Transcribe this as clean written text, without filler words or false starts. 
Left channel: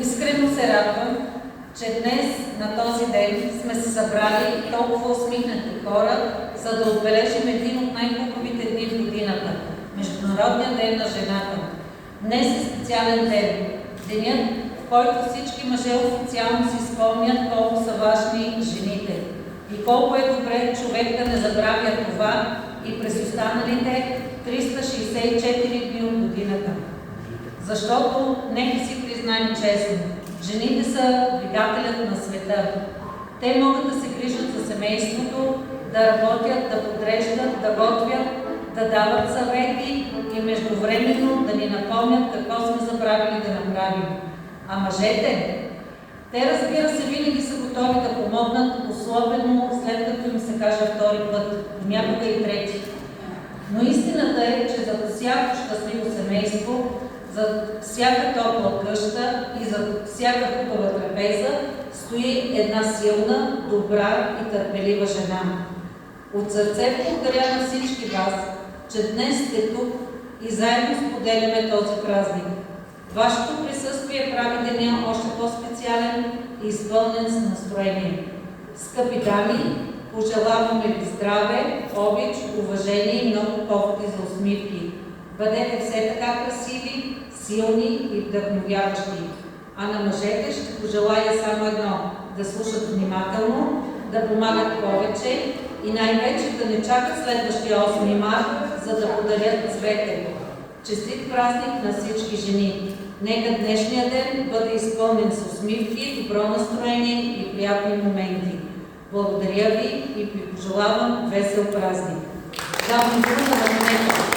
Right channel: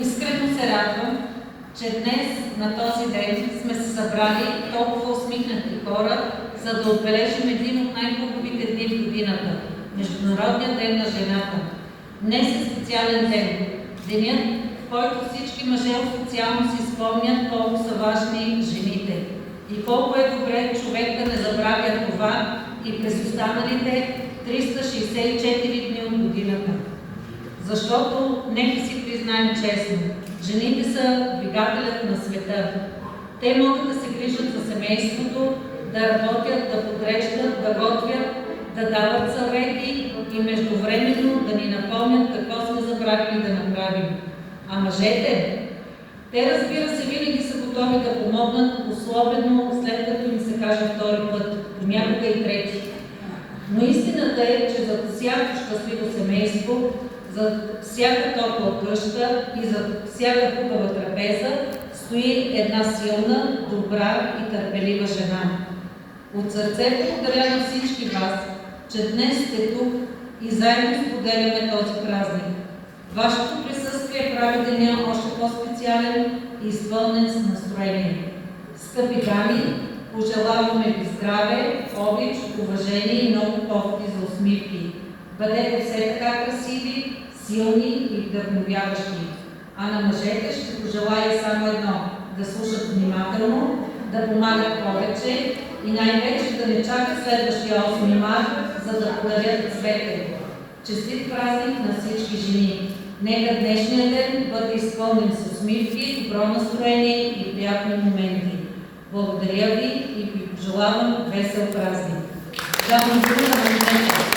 Искрено се радвам, че днес на този ден сме се събрали толкова усмихнати хора, за да отбележим един от най-хубавите дни в годината – Международния ден на жената. Днес е специален ден. Денят, в който всички мъже официално си спомнят колко са важни жените и колко е добре човек да не забравя това и през останалите 364 дни от годината. Защото, нека си признаем честно, жените са двигателят на света. Те могат да се грижат за семейството, да работят, да подреждат, да готвят, да дават съвети и междувременно да ни напомнят какво сме забравили да направим. А мъжете? Те, разбира се, винаги са готови да помогнат, особено след като им се каже втори път, понякога и трети. Но истината е, че за всяко щастливо семейство, за всяка топла къща и за всяка хубава трапеза стои една силна, добра и търпелива жена. От сърце благодаря на всички вас, че днес сте тук и заедно споделяме този празник. Вашето присъствие прави деня още по-специален и изпълнен с настроение. Скъпи дами, пожелаваме ви здраве, обич, уважение и много поводи за усмивки. Бъдете все така красиви, силни и вдъхновяващи. А на мъжете ще пожелая само едно – да слушат внимателно, да помагат повече и най-вече да не чакат следващия 8 март, за да подарят цвете. Честит празник на всички жени! Нека днешния ден бъде изпълнен с усмивки, добро настроение и приятни моменти. Благодаря ви и ви пожелавам весел празник. Давам дума на момента.